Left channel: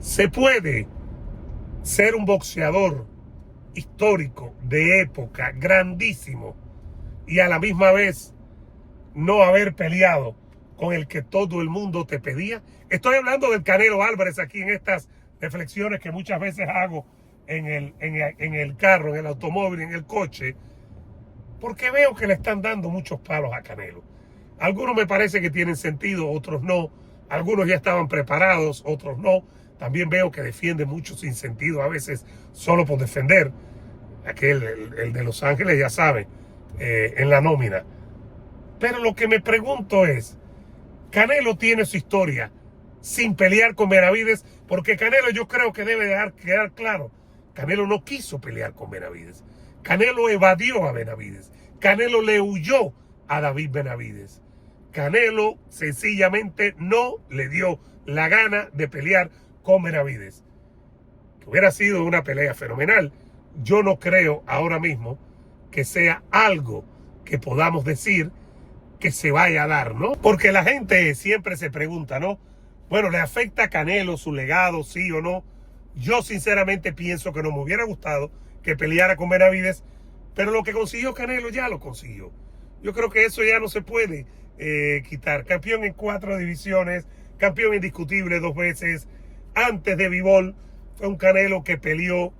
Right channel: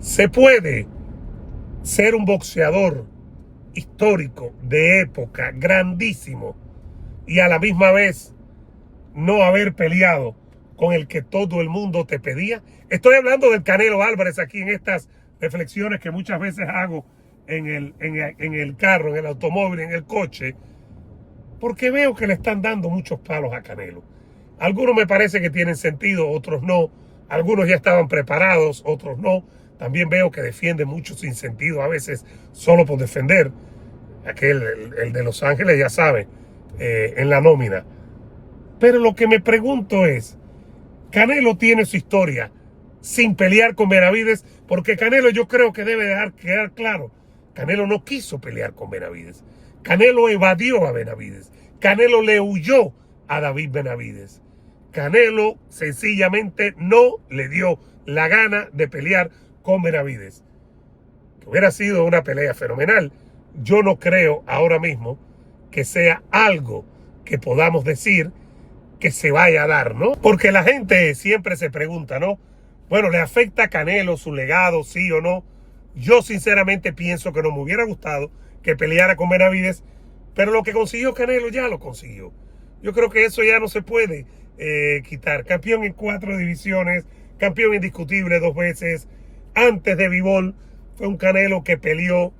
Se puede ser un boxeador histórico, de época, grandísimo, y a la misma vez no haber peleado con el que todo el mundo te pedía. Estoy hablando del Canelo Álvarez aquí en estas reflexiones que muchas veces hago en el carro, en el automóvil, en el coche, porque veo que le están dando muchos palos a Canelo. Algunos me parece que tienen sentido, otros no. Algunos ya estaban preparados, otros no. También veo que defienden mucho sin sentido, a veces solo por defender. Aquel, el de Los Ángeles, ya saben, en la nómina. Pero lo que me pregunto es, Canelo tiene su historia sin pelear con Benavides, porque Canelo, yo creo que debe quedar claro, Canelo no quiso pelear con Benavides. Canelo evadió a Benavides. Canelo le huyó a David Benavides. Canelo sencillamente no le dio la gana de pelear con Benavides. Que hubiera sido una pelea fenomenal. Yo no creo ahora mismo que sea algo que podamos decir que se vaya a dar, ¿no? Porque la gente siempre se pregunta, ¿no? Bueno, ¿le afecta a Canelo su legado, sí o no? Yo sinceramente pienso que no me hubiera gustado que peleara con Benavides, pero lo que consiguió Canelo ya lo consiguió. Yo creo que eso ya no se puede quitar. Campeón en 4 divisiones, campeón indiscutible 2 veces. Antes de Bivol fue un Canelo que peleó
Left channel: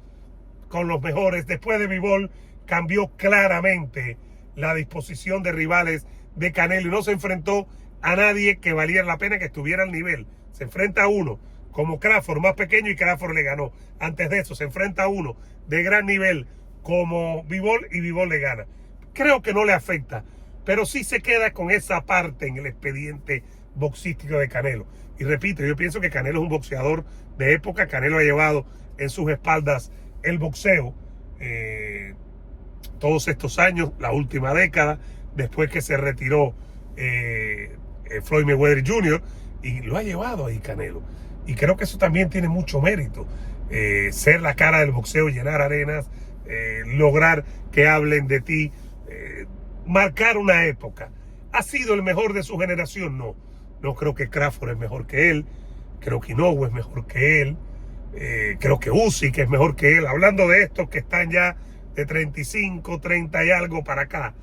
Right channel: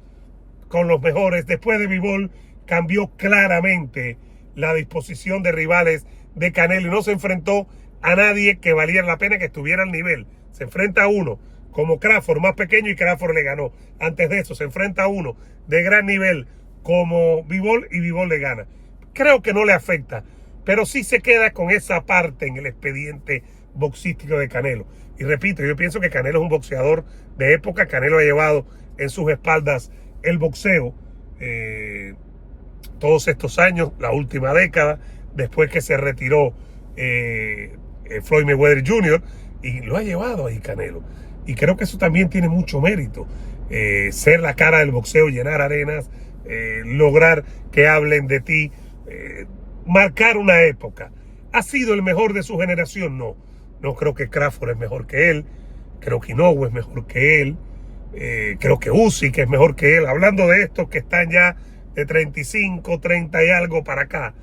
con los mejores. Después de Bivol cambió claramente la disposición de rivales de Canelo y no se enfrentó a nadie que valiera la pena, que estuviera al nivel. Se enfrenta a uno como Crawford, más pequeño, y Crawford le ganó. Antes de eso se enfrenta a uno de gran nivel como Bivol y Bivol le gana. Creo que no le afecta, pero sí se queda con esa parte en el expediente boxístico de Canelo. Y repito, yo pienso que Canelo es un boxeador de época. Canelo ha llevado en sus espaldas el boxeo todos estos años, la última década, después que se retiró Floyd Mayweather Jr., y lo ha llevado ahí Canelo. Y creo que eso también tiene mucho mérito. Ser la cara del boxeo, llenar arenas, lograr que hablen de ti, marcar una época. ¿Ha sido el mejor de su generación? No. No creo que Crawford es mejor que él. Creo que Inoue es mejor que él. Creo que Usyk es mejor que él. Hablando de estos que están ya de 35, 30 y algo para acá.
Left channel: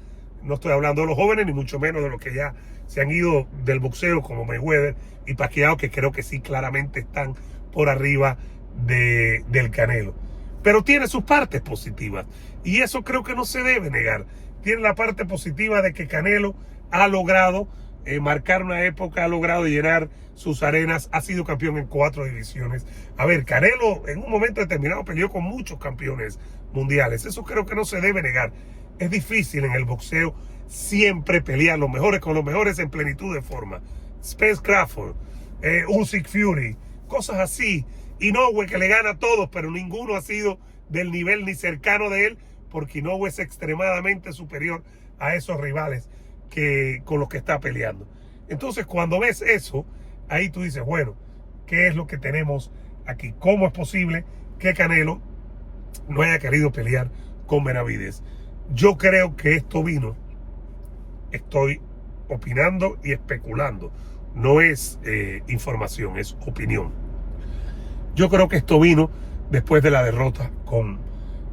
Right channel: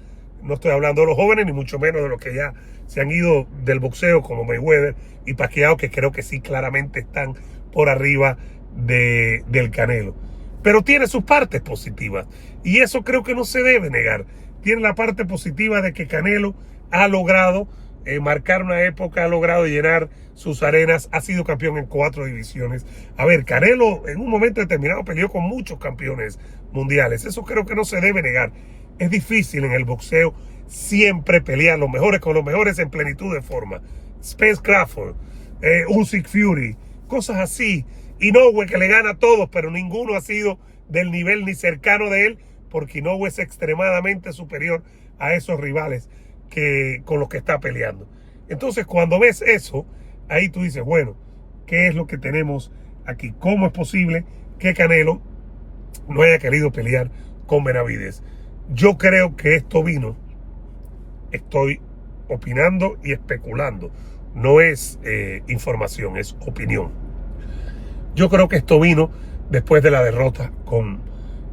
No estoy hablando de los jóvenes, ni mucho menos de los que ya se han ido del boxeo, como Mayweather y Pacquiao, que creo que sí claramente están por arriba del Canelo. Pero tiene sus partes positivas, y eso creo que no se debe negar. Tiene la parte positiva de que Canelo ha logrado marcar una época, ha logrado llenar sus arenas, ha sido campeón en 4 divisiones. A ver, Canelo en un momento determinado peleó con muchos campeones mundiales. Eso creo que no se debe negar. Es difícil en el boxeo siempre pelear los mejores con los mejores en plenitud de forma. Spence Crawford, Usyk Fury, cosas así. Inoue, que le gana a todos, pero ninguno ha sido del nivel ni cercano de él, porque Inoue es extremadamente superior a esos rivales con los que está peleando. Entonces, cuando ves eso, ahí tú dices, bueno, ¿qué es lo que tenemos aquí? ¿Cómo es posible que Canelo no haya querido pelear con Benavides? Yo creo que esto vino, estoy opinando y especulando, no es información, es opinión. Yo creo que esto vino después de la derrota con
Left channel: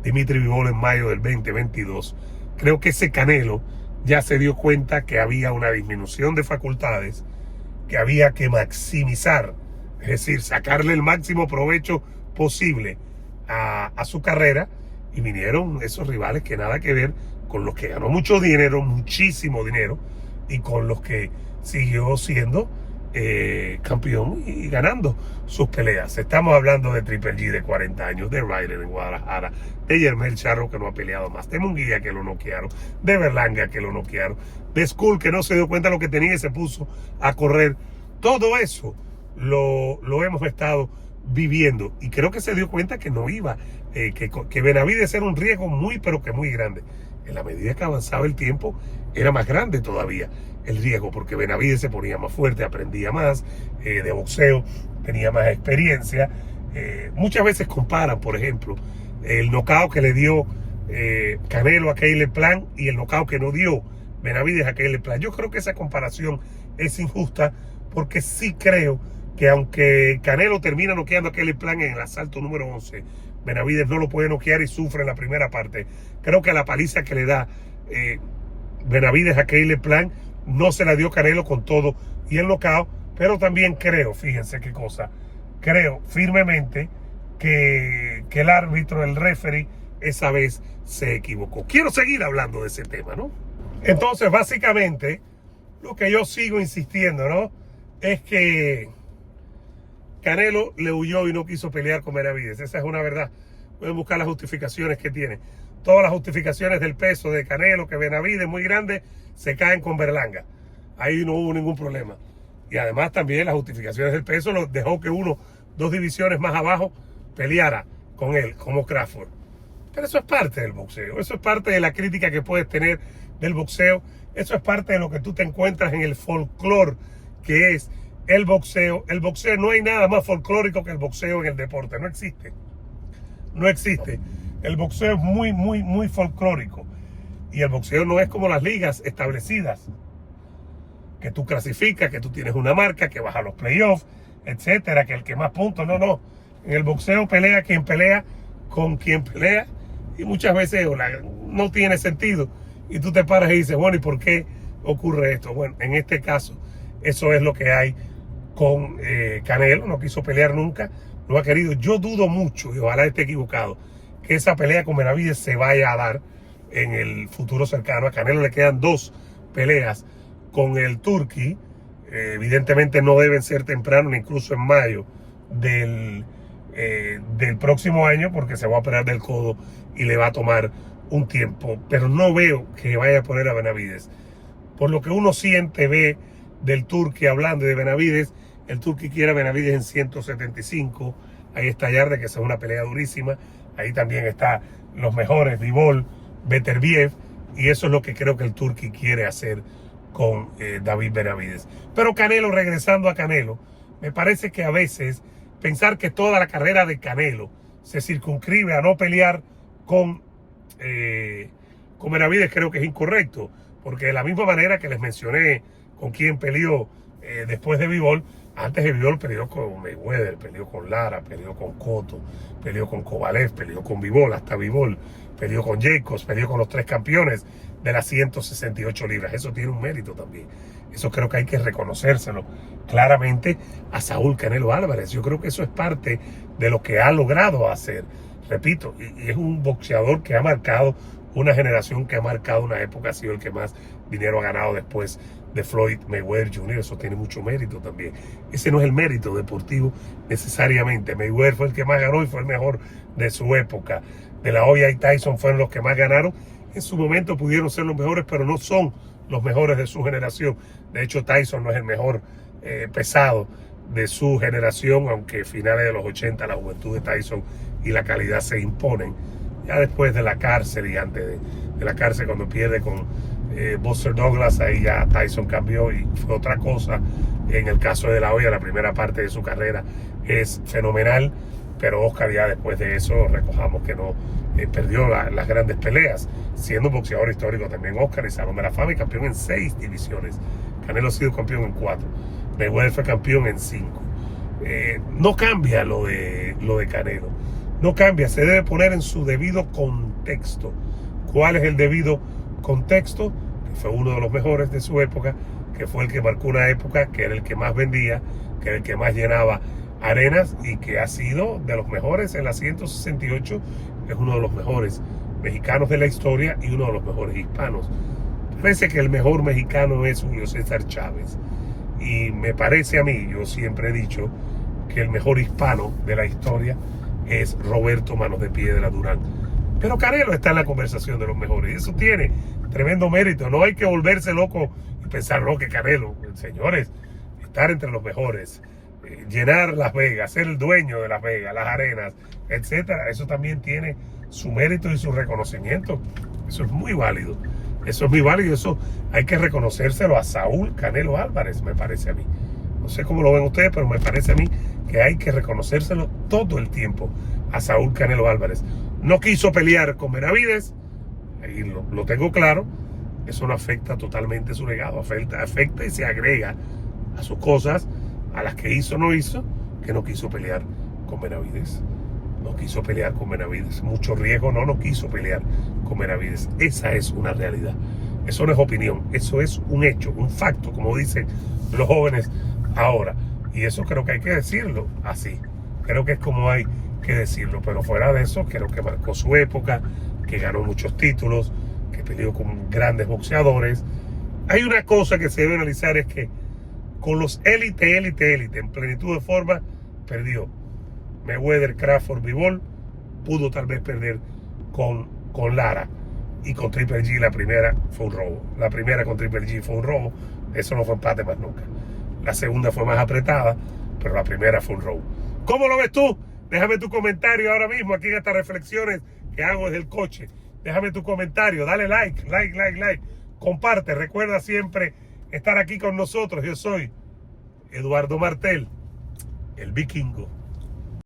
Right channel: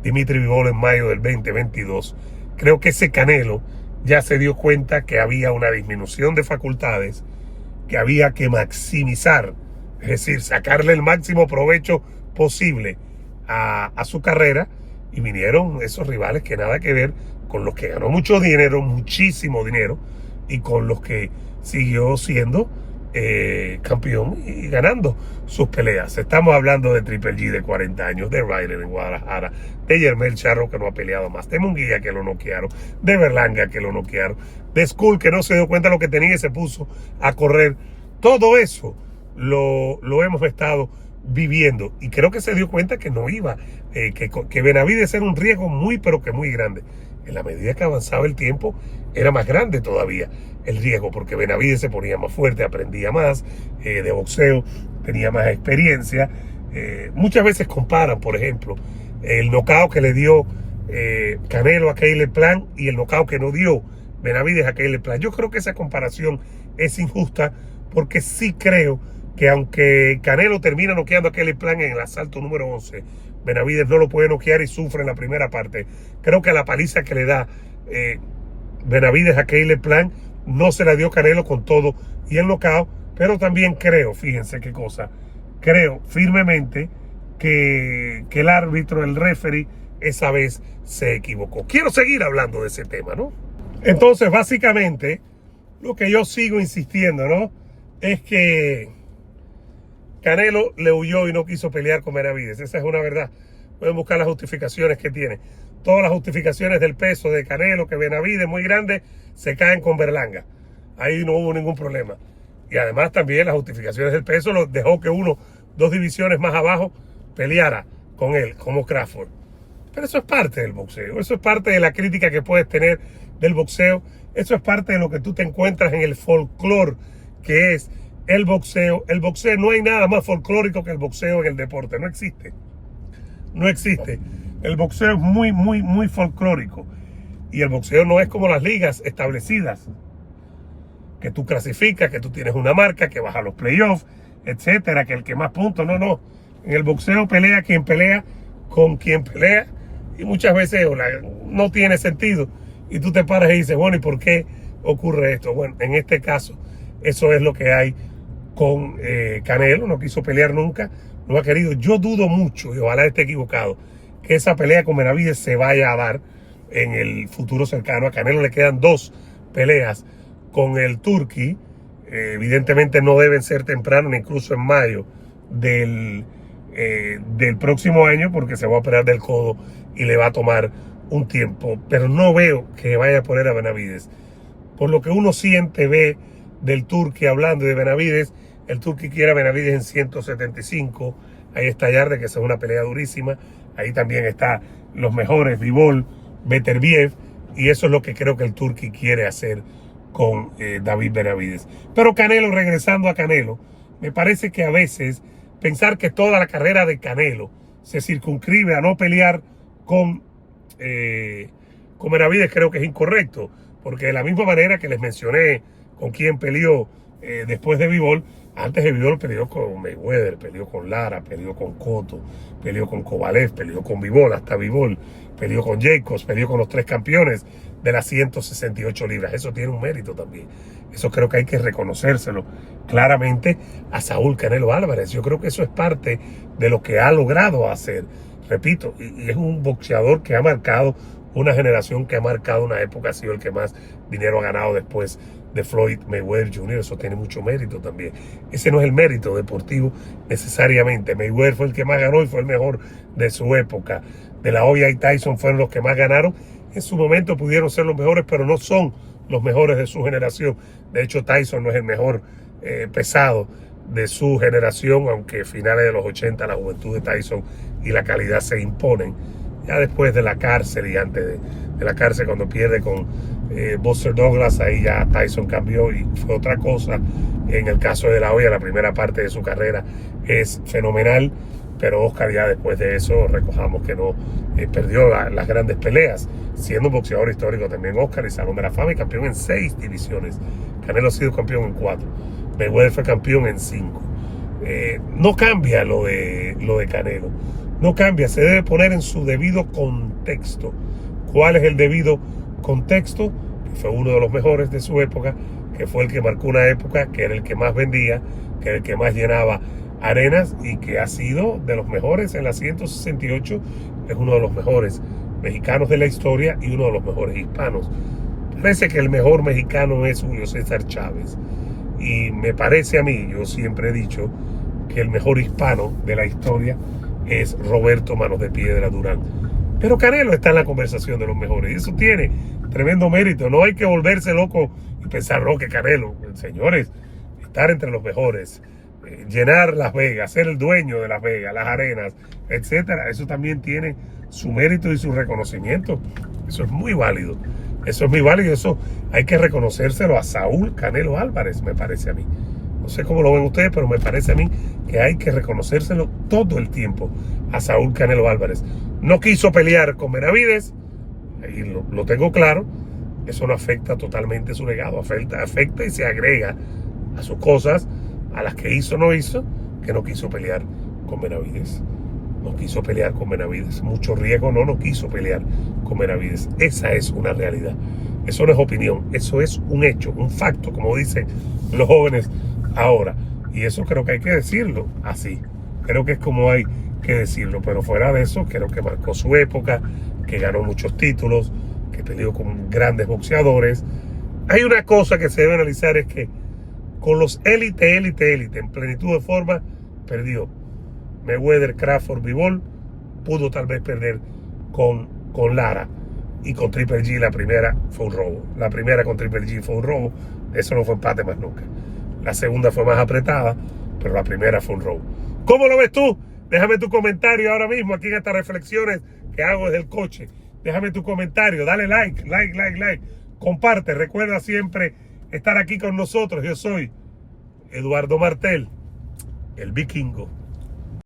Dimitri Bivol en mayo del 2022. Creo que ese Canelo ya se dio cuenta que había una disminución de facultades, que había que maximizar, es decir, sacarle el máximo provecho posible a su carrera, y vinieron esos rivales que nada que ver con los que ganó mucho dinero, muchísimo dinero, y con los que siguió siendo campeón y ganando sus peleas. Estamos hablando de Triple G de 40 años, de Ryder en Guadalajara, de Yermel Charro, que no ha peleado más, de Munguía, que lo noquearon, de Berlanga, que lo noquearon, de Skull, que no se dio cuenta de lo que tenía y se puso a correr. Todo eso lo hemos estado viviendo, y creo que se dio cuenta que no iba, que Benavides era un riesgo muy, pero que muy grande. En la medida que avanzaba el tiempo, era más grande todavía el riesgo, porque Benavides se ponía más fuerte, aprendía más de boxeo, tenía más experiencia. Muchas veces comparan, por ejemplo, el knockout que le dio Canelo a Caleb Plant y el knockout que no dio Benavides a Caleb Plant. Yo creo que esa comparación es injusta, porque sí creo que aunque Canelo termina noqueando a Kelly Plant en el asalto número 11, Benavidez no lo puede noquear y sufre en la primera parte. Creo que la paliza que le da Benavidez a Kelly Plant no se la dio Canelo con todo y el knockout, pero también creo, fíjense qué cosa, creo firmemente que el árbitro, el referee, esa vez se equivocó. Quiero seguir hablando de ese tema, ¿no? Entonces, básicamente, lo que yo sigo insistiendo, ¿no? Es que Canelo le huyó y no quiso pelear con Benavidez. Esa es una verdad. Pueden buscar las justificaciones que tiene. Todas las justificaciones del peso de Canelo, que Benavidez muy grande, se caen con Berlanga. Ahí no hubo ningún problema. Y además también las justificaciones del peso lo dejó que dos divisiones más abajo peleara con él, como Crawford. Pero eso es parte del boxeo. Eso es parte de la crítica que puedes tener del boxeo. Eso es parte de lo que tú te encuentras en el folclore que es el boxeo. El boxeo, no hay nada más folclórico que el boxeo en el deporte. No existe. No existe. El boxeo es muy, muy, muy folclórico. Y el boxeo no es como las ligas establecidas, que tú clasificas, que tú tienes una marca, que vas a los playoffs, etcétera, que el que más puntos. No, no. En el boxeo pelea quien pelea con quien pelea. Y muchas veces no tiene sentido. Y tú te paras y dices, bueno, ¿y por qué ocurre esto? Bueno, en este caso, eso es lo que hay con Canelo. No quiso pelear nunca, no ha querido. Yo dudo mucho, y ojalá esté equivocado, que esa pelea con Benavidez se vaya a dar en el futuro cercano. A Canelo le quedan 2 peleas con el Turqui. Evidentemente no deben ser temprano, ni incluso en mayo del próximo año, porque se va a operar del codo y le va a tomar un tiempo. Pero no veo que vaya a poner a Benavidez. Por lo que uno siente, ve del Turqui hablando de Benavidez, el Turqui quiere a Benavidez en 175. Ahí está Yarde, que es una pelea durísima. Ahí también está los mejores, Bivol, Beterbiev, y eso es lo que creo que el Turqui quiere hacer con David Benavidez. Pero Canelo, regresando a Canelo, me parece que a veces pensar que toda la carrera de Canelo se circunscribe a no pelear con Benavidez, creo que es incorrecto, porque de la misma manera que les mencioné con quien peleó después de Bivol, antes de Bivol peleó con Mayweather, peleó con Lara, peleó con Cotto, peleó con Kovalev, peleó con Bivol, hasta Bivol, peleó con Jacobs, peleó con los 3 campeones de las 168 libras. Eso tiene un mérito también. Eso creo que hay que reconocérselo claramente a Saúl Canelo Álvarez. Yo creo que eso es parte de lo que ha logrado hacer. Repito, y es un boxeador que ha marcado una generación, que ha marcado una época, ha sido el que más dinero ha ganado después de Floyd Mayweather Jr. Eso tiene mucho mérito también. Ese no es el mérito deportivo necesariamente. Mayweather fue el que más ganó y fue el mejor de su época. De la Hoya y Tyson fueron los que más ganaron. En su momento pudieron ser los mejores, pero no son los mejores de su generación. De hecho, Tyson no es el mejor pesado de su generación, aunque finales de los 80 la juventud de Tyson y la calidad se imponen. Ya después de la cárcel y antes de la cárcel, cuando pierde con Buster Douglas, ahí ya Tyson cambió y fue otra cosa. En el caso de la Hoya, la primera parte de su carrera es fenomenal, pero Oscar ya después de eso, recojamos que no perdió las grandes peleas, siendo un boxeador histórico también Oscar, y Salón de la Fama, y campeón en 6 divisiones. Canelo ha sido campeón en 4, Mayweather fue campeón en 5. No cambia lo de Canelo, no cambia, se debe poner en su debido contexto. ¿Cuál es el debido contexto? Que fue uno de los mejores de su época, que fue el que marcó una época, que era el que más vendía, que era el que más llenaba arenas, y que ha sido de los mejores en la 168, es uno de los mejores mexicanos de la historia y uno de los mejores hispanos. Parece que el mejor mexicano es Julio César Chávez, y me parece a mí, yo siempre he dicho que el mejor hispano de la historia es Roberto Manos de Piedra Durán. Pero Canelo está en la conversación de los mejores, y eso tiene tremendo mérito. No hay que volverse loco y pensar, no, que Canelo, señores, estar entre los mejores, llenar Las Vegas, ser el dueño de Las Vegas, las arenas, etcétera, eso también tiene su mérito y su reconocimiento. Eso es muy válido. Eso es muy válido. Eso hay que reconocérselo a Saúl Canelo Álvarez, me parece a mí. No sé cómo lo ven ustedes, pero me parece a mí que hay que reconocérselo todo el tiempo a Saúl Canelo Álvarez. No quiso pelear con Benavidez, ahí lo tengo claro. Eso no afecta totalmente su legado, afecta y se agrega a sus cosas, A las que hizo, no hizo, que no quiso pelear con Benavidez. No quiso pelear con Benavidez. Mucho riesgo, no quiso pelear con Benavidez. Esa es una realidad. Eso no es opinión, eso es un hecho, un facto, como dicen los jóvenes ahora. Y eso creo que hay que decirlo así. Creo que es como hay que decirlo. Pero fuera de eso, creo que marcó su época, que ganó muchos títulos, que peleó con grandes boxeadores. Hay una cosa que se debe analizar, es que con los élite en plenitud de forma, perdió. Mayweather, Crawford, Bivol, pudo tal vez perder con Lara. Y con Triple G la primera fue un robo. La primera con Triple G fue un robo. Eso no fue empate más nunca. La segunda fue más apretada, pero la primera fue un robo. ¿Cómo lo ves tú? Déjame tu comentario ahora mismo aquí en estas reflexiones que hago desde el coche. Déjame tu comentario, dale like. Comparte, recuerda siempre estar aquí con nosotros. Yo soy Eduardo Martel, el Vikingo.